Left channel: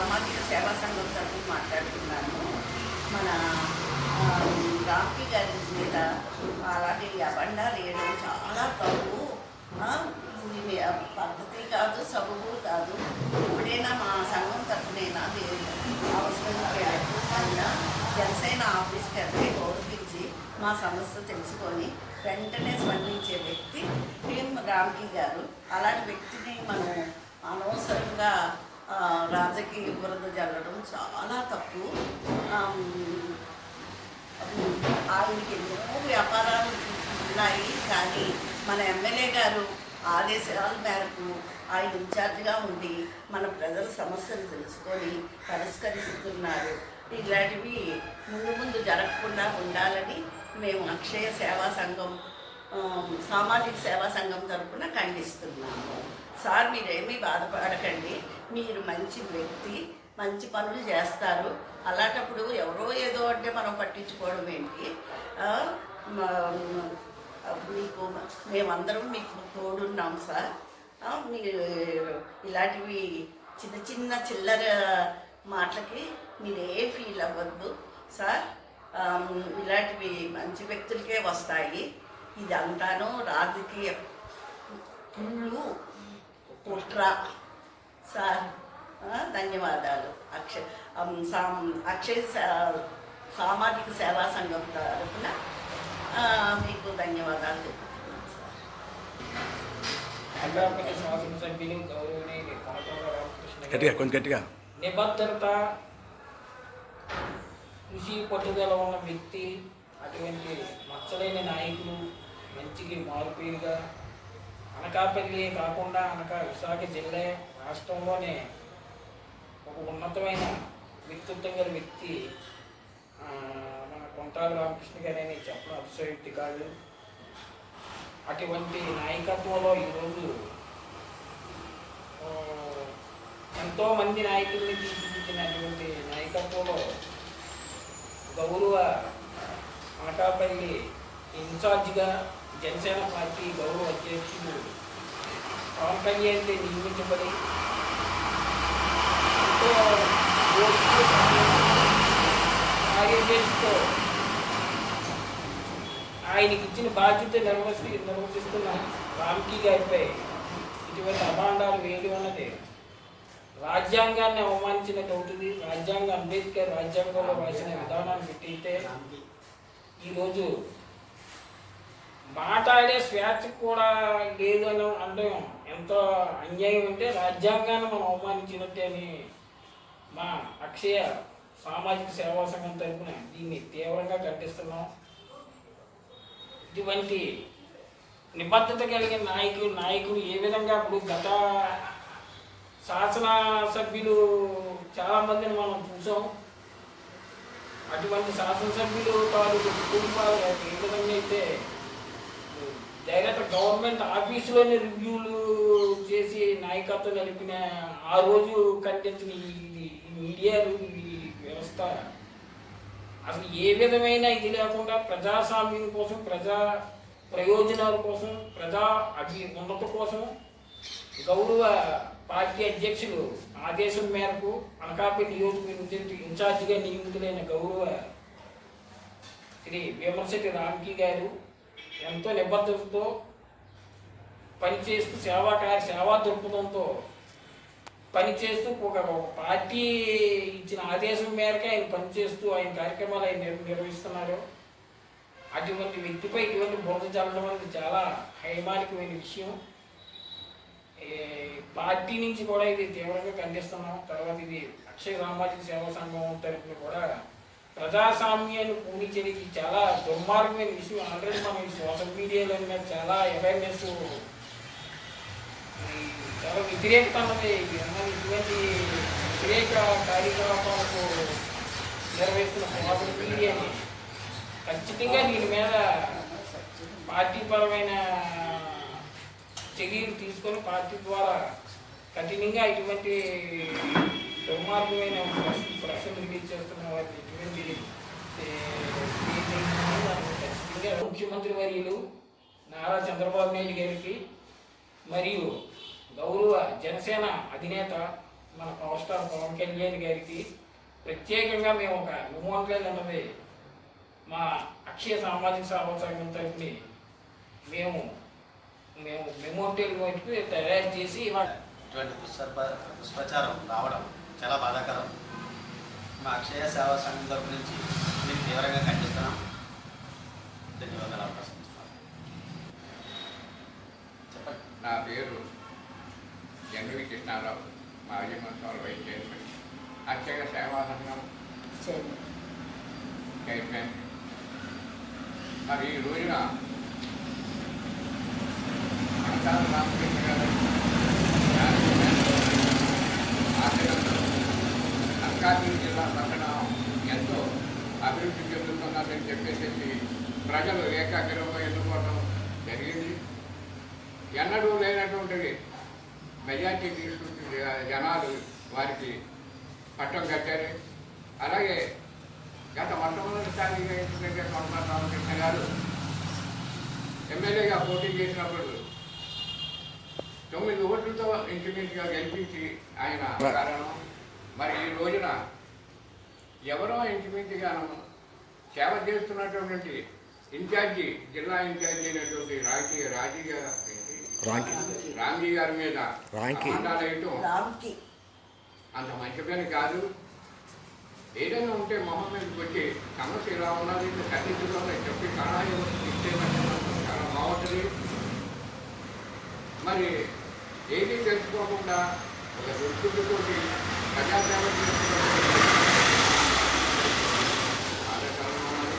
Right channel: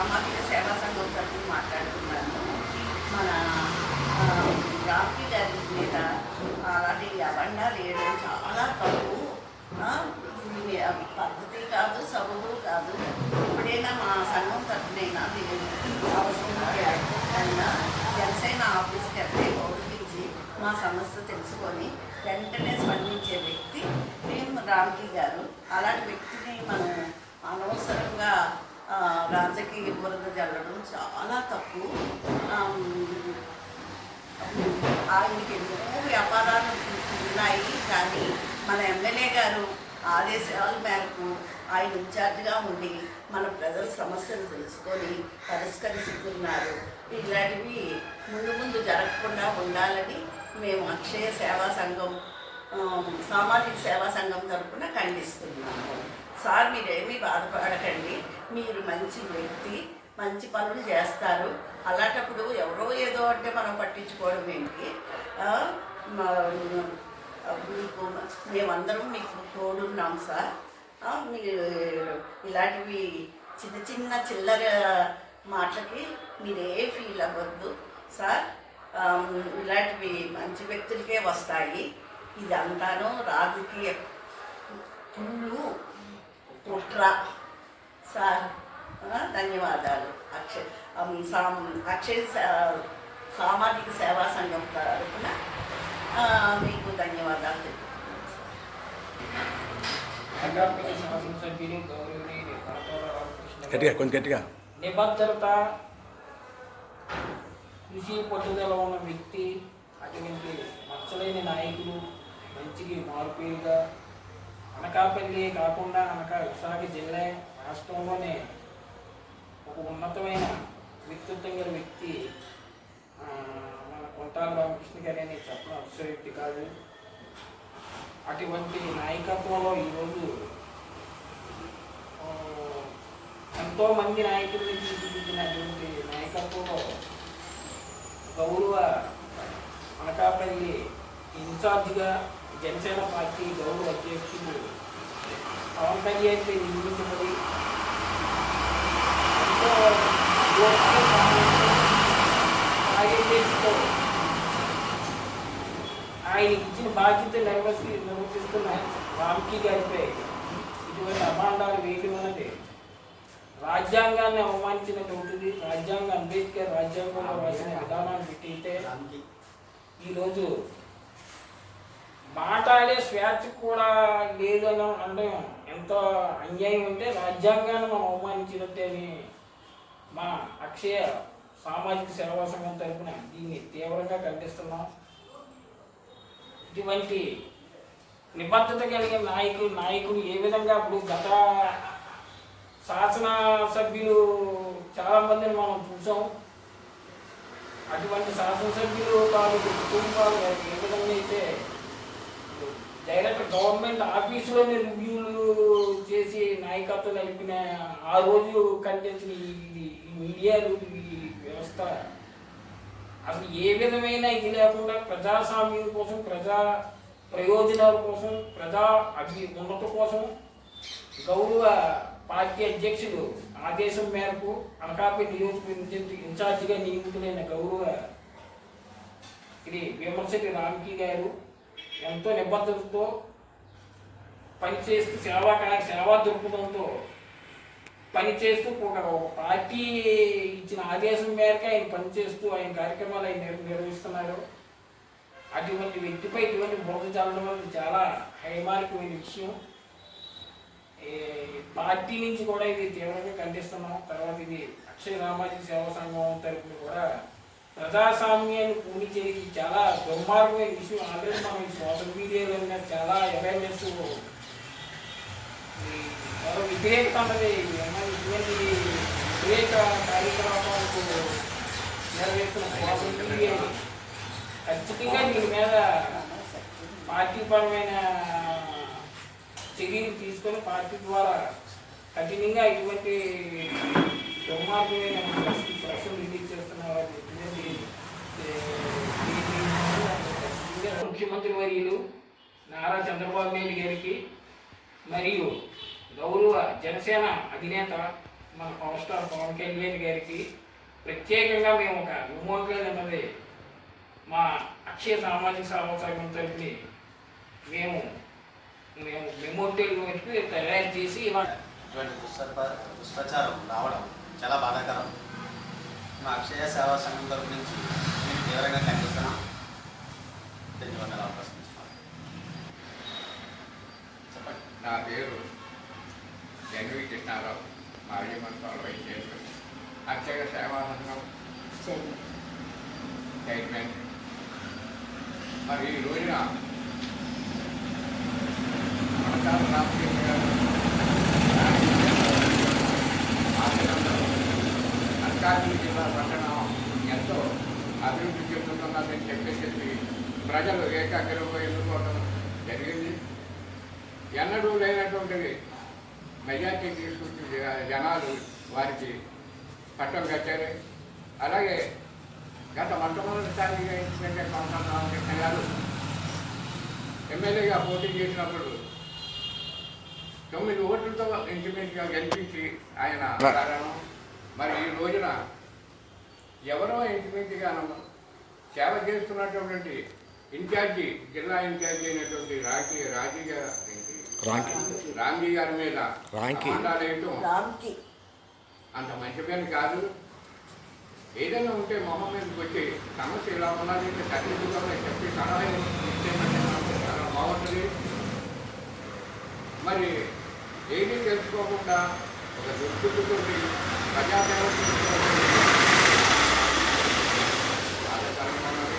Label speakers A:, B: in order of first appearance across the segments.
A: సామాజిక సేవా సంఘం తరఫున మాట్లాడుతున్నాను. మన ఆ, రామ్కి గారి మీద అలాంటి అబండాలు వేయడం చాలా తప్పు. ఇది మీ పద్ధతి కాదు సబబు కాదు. ఎప్పుడైనా మా సంఘం తరఫునైనా మీరు అవసరం అయినా జనసేన ఆఫీస్కి వెళ్తే గౌరవించి మా సమస్య తెలుసుకొని వెంటనే స్పందించే వ్యక్తి భీమ్ రామ్కి గారు. అలాంటి వ్యక్తిని మనం అనవసరంగా రాజకీయ బురద జల్లడం చాలా తప్పు. ఆయనకి ఎన్నో వ్యాపారాలు ఉన్నాయి. కానీ మన ఎమ్మెల్యే గారు ఆదేశాల మేరకు ఆయన ఇన్ఛార్జ్గా ఉండి మన ప్రజల సమస్యలు తెలుసుకొని పరిష్కరిస్తున్నారు. ఇలాంటివి ముందు ముందు జరగకుండా ఉండాలని మేము అక్షయ సేవా సంఘం సామాజిక సేవా సంఘం తరపున ఖండిస్తున్నాము. సార్ మీరేమీ బాధపడకండి. మీరు మంచి వ్యక్తి మంచి పనులు చేస్తారు. అలాంటప్పుడు ఎవరో ఏదో అంటే మనం పట్టించుకోవడం ఏంటి? మా- మీకు మేమందరం మీకు తోడున్నాం సార్. మీరు ఇలాంటివి చిన్న చిన్న చిల్లర మాటలకి మీరే ఫీల్ అవ్వద్దు సార్. ఇలాంటివి మంచి వ్యక్తులకే వస్తాయి. ఇదంతాను రాజకీయ కుళ్ళు కుట్ర. ధన్యవాదాలు. అక్షయ్ అక్షయ్ సామాజిక సేవా సంఘం తరఫున ఆ, మీకు ధన్యవాదాలు తెలుపుతున్నాను
B: గట్టిగా కొంచెం గట్టిగా.
C: నిబద్ధత కృషి పట్టుదల ఉన్న వ్యక్తి అటువంటి మచ్చలేని నాయకులు మంచికి మారుపేరుగా అనకాపల్లి కాకుండా అనకా విశాఖ జిల్లా రాష్ట్రంలోనే ఒక ఉన్నతమైన వ్యక్తిత్వం గల వ్యక్తి మన కొంటాల రామకృష్ణ గారి అని చెప్పడం అతిశయోక్తి కాదు. అటువంటి నాయకత్వంలో ఈరోజు ఎంతోమంది ఎంతో మంది నాయకుల్ని తీర్చిదిద్దినటువంటి నాయకత్వంలో గౌరవ అనకాపల్లి ఇన్ఛార్జిగా జనసేన పార్టీ గౌరవ అధ్యక్షుడు పవన్ కళ్యాణ్ గారు నియమించబడి ఎంతో ఆయనకి ఇచ్చిన బాధ్యత నిర్వహి నిర్వహిస్తున్న రామ్కీ గారిపై ఇటువంటి అభాండాలు వేయడం అన్నది రాజ్యాంగాన్ని అవమానించినట్టు అవుతుంది రాజ్యాంగ అంబేద్కర్ రాజ్యాంగంలో రాసిన విధానాన్ని పెట్టయితే ఈరోజు మాట్లాడే స్వేచ్ఛ కూడా లేదని అనడం ఎంత అన్యాయం ఉంటే రాజ్యాంగాన్ని మనం అవమానించినట్టే అని మా అక్షయ సామాజిక సేవా సంఘం తరఫున దీన్ని తీవ్రంగా ఖండిస్తున్నాం. ఇటువంటి నిబద్ధత కలిగిన నాయకుడు నాయకుడు ఏ విధంగా ఇప్పుడు గత శాసన సభ్యులు చాలా మందిని మనం చూసాం. అటువంటి శాసనసభ్యులు తాలూకు కుటుంబాలు ఏ విధంగా అయితే డైరెక్ట్ గవర్నమెంట్ ఆఫీసులోనే రివ్యూలు చేసి నాయకత్వం నడిపిన ఆ రోజు కనిపించిన ఈ ఈ మీడియాలు ఈ వ్యవస్థ అసలు ఏ విధమైన ఇది లేకుండా ప్రజాస్వామ్యం కోసం ప్రజా ప్రయోజనాల కోసం ప్రజా అభి ఉన్నత కోసం గౌరవ పార్టీ అధ్యక్షులు ఆదేశం మేరకు అనకాపల్లి నియోజకవర్గ ఇన్ఛార్జిగా నియమితులైన గౌరవ శ్రీ విమర్శటి రామ్కి గారు ఎంతో నిబద్ధతతో పనిచేస్తూ సేవా కార్య సేవా దృక్పథంతో పనిచేస్తూ ఒక ఒక పార్టీ ఇచ్చిన ఆదేశం మేరకు ఆయన పనిచేస్తూ ఆయన కార్యక్రమాలు ఆయన నిర్వహిస్తున్నారు. అటువంటి వ్యక్తిపై ఇటువంటి బురద చల్లడం అనేది చాలా హైమానికమైన విషయం. పార్టీ నుంచి కూడా ఇది తీవ్రంగా ఖండిస్తున్నాం. తర్వాత ఇది అక్షయ సామాజిక సేవా సంఘం తరఫున కూడా ప్రజాస్వామ్యాన్ని పూడించేది చాలా దుర్మార్గమైన విషయం ఆల్రెడీ మనం సోషల్ మీడియాలో చాలా అవేర్నెస్ చాలా వ్యతిరేకత అన్నది ఇటువంటి వ్యతిరేక కార్యకలాపాలకు నెరవేరుస్తున్న సోషల్ మీడియాని ఖచ్చితంగా దీని మీద పార్టీపరమైన చర్యలు తీసుకొని పార్టీ ద్వారా కఠినంగా ఇటువంటి దుర్మార్గమైన ప్రశ్న- రిలీజ్ చేస్తున్న వారికి ఎటువంటి ముఖ్యమంత్రి వర్యులు నారా చంద్రబాబు నాయుడు గారికి మరియు గౌరవ జనసేన అధినేత మన పవర్ స్టార్ పవన్ కళ్యాణ్ గారికి ప్రత్యేకంగా మేము ఒక మెమోరియల్ అన్నది మా అక్షయ సామాజిక సేవా సంఘం తరపుని మేము మేము మెమోరియల్ నోటికి తయారు చేసి ఇవాళ
B: ఇటువంటి దుష్ప్రప దుష్ప్రచారం రావడం చాలా బాధాకరం. మా అక్షయ సేవా సంఘం తరపు నుంచి మేము తీవ్రంగా ఖండిస్తున్నాం ధన్యవాదాలు అవకాశం చెప్పండి.
D: నా పేరు ఎన్వి కృష్ణారావు. మాజీ మంత్రులు వైస్ చైర్మన్. అక్షయ సేవా సంఘం చైర్మన్. మరి ఈ రోజున మనసారి రామకృష్ణ గారు ఆచరణలో అనకాపల్లి జిల్లా పట్టణం ఎంతో అభివృద్ధి చెందుతున్నదని చెప్పేసి ప్రజలు ఏకాగ్రంగా ఎన్నుకోవడం జరిగింది. ఎన్నడూ లేనటువంటి మెజార్టీ తీసుకొచ్చి జనాలు వారికి పట్టం కట్టారు. అలాగే గత మొట్టమొదటిసారిగా ఇంచుమించు కొండ రామకృష్ణ గారు ఎమ్మెల్యేగా పోటీ చేసినప్పుడు తొమ్మిది ఓట్లతో ఇంచుమించుగా గెలిపించి ఆయన కారణం మరి ఈ రోజున ఎవరో ఇంచుమించుగా సేవ చేస్తున్నటువంటి ఇన్ఛార్జి జిల్లా ఇన్ఛార్జి అయినటువంటి రాజీ రాజీ గారు?
E: రాంకి
D: రాంజీ గారి మీద
E: రాంకి.
D: అంత మంచి పని కాదు ఏదైనా ఉంటే మొహం మీదకి వచ్చి సమస్య ఇలా ఉన్నది సరిదిద్దుకోవాలి చెప్పి సలహా ఇస్తే మనకు చాలా బాగుంటుంది మరి ఏది తెలుసుకోకుండా ఒక దుర్బుద్ధితోటి ప్రజాసేవ చేసుకోవడం బాధాకరంగా ఉన్నది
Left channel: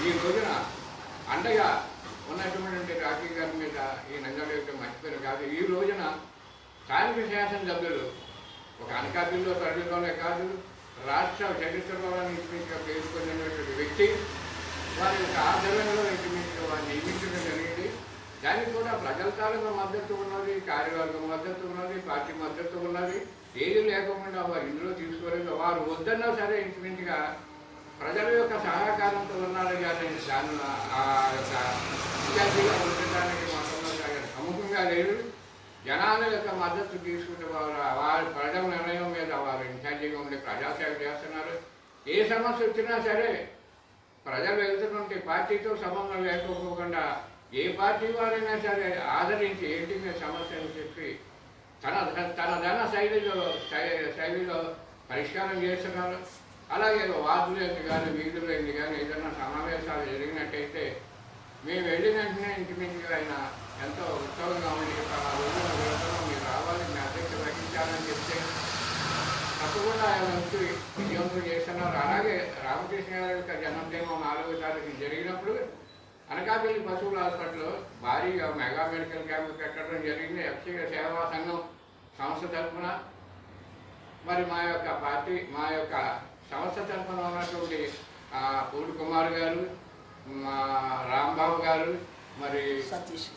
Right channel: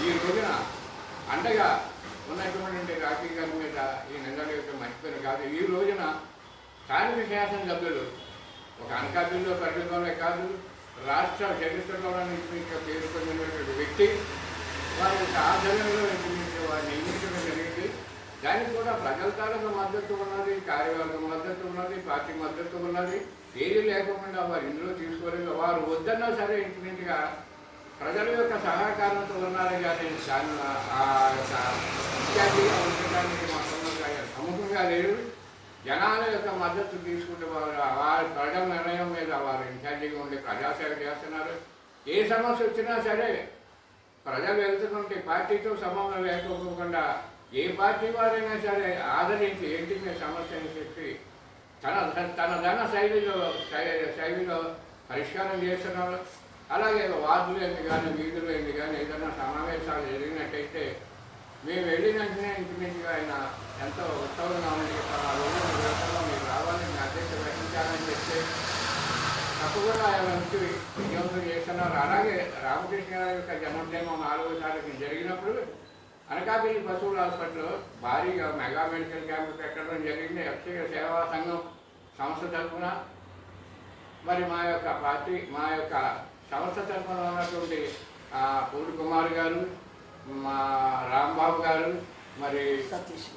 D: ఈ రోజున అండగా ఉన్నటువంటి రాజకీయ గారి మీద ఈ నంగలు యొక్క మర్చిపోయిన కాదు ఈ రోజున స్థానిక శాసనసభ్యులు ఒక అనకాపల్లిలో ప్రజల్లోనే కాదు రాష్ట్ర చరిత్రలో నిర్మించిన పేరు పొందినటువంటి వ్యక్తి వారి యొక్క ఆచరణలో నిర్మించిన వారిని నియమించడం జరిగింది. దానికి కూడా ప్రజల తాలూకా మద్దతు ఉన్నది కార్యవర్గం మద్దతు ఉన్నది పార్టీ మద్దతు ఉన్నది. ఏది లేకుండా వారు ఇందులో తీసుకోలేదు. వారు వద్దన్నా సరే ఇంచుమించుగా ప్రజల యొక్క సహకారంతో ఉన్నారు కానీ దాని ఆ యొక్క విద్యార్థిగా ఉండడానికి మొత్తం సముఖంగా లేరు. జనాల యొక్క మద్దతు తీసుకుంటే వారు వారి ప్రజల నిర్ణయం మీద వారు ఇన్ఛార్జిగా ఉండి ప్రజాసేవ చేస్తున్నారు. ఏ సమస్య వచ్చినా సరే ప్రజలు వెళ్తున్నటువంటి పార్టీతో సంబంధం లేకపోకుండా ఏ పార్టీ వారైనా సరే ఆదరించి ఏంటి మీ సమస్య అని చెప్పి తన తన ధన శైలిలో శై- శైలిలో పరిష్కారం చేస్తున్నారు. అలాగే వార్డులు ఏంది కానీ వీధులు ఏంది కానీ ఏదైనా సమావేశాలు జరిగినట్టయితే మేము వెళ్ళిన వెంటనే ఇంచుమించుగా ఆయన ఎంతో ఉత్సవంగా ఉంది ఆ రోజు మూడు మీరు రావాలి మీ అధ్యక్ష వహించాలని చెప్తే తప్పకుండా ఆయన వచ్చి విజయవంతం చేస్తున్నారు. అలాగే రామకృష్ణ గారి యొక్క జన్మదినం నాలుగో తారీఖు జరిగినప్పుడు అనకాపల్లి పశువుల హాస్పిటల్లో భారీగా మెగా మెడికల్ క్యాంప్ పెట్టడం జరిగింది. అక్షయ సేవా సంఘం సంస్థ తరఫున. మరి మా యొక్క పార్టీ మా యొక్క సంస్థ తరఫున ఉన్నటువంటి పూడి కుమార్ గారు మా రాంబాబు గారు మరి
A: సతీష్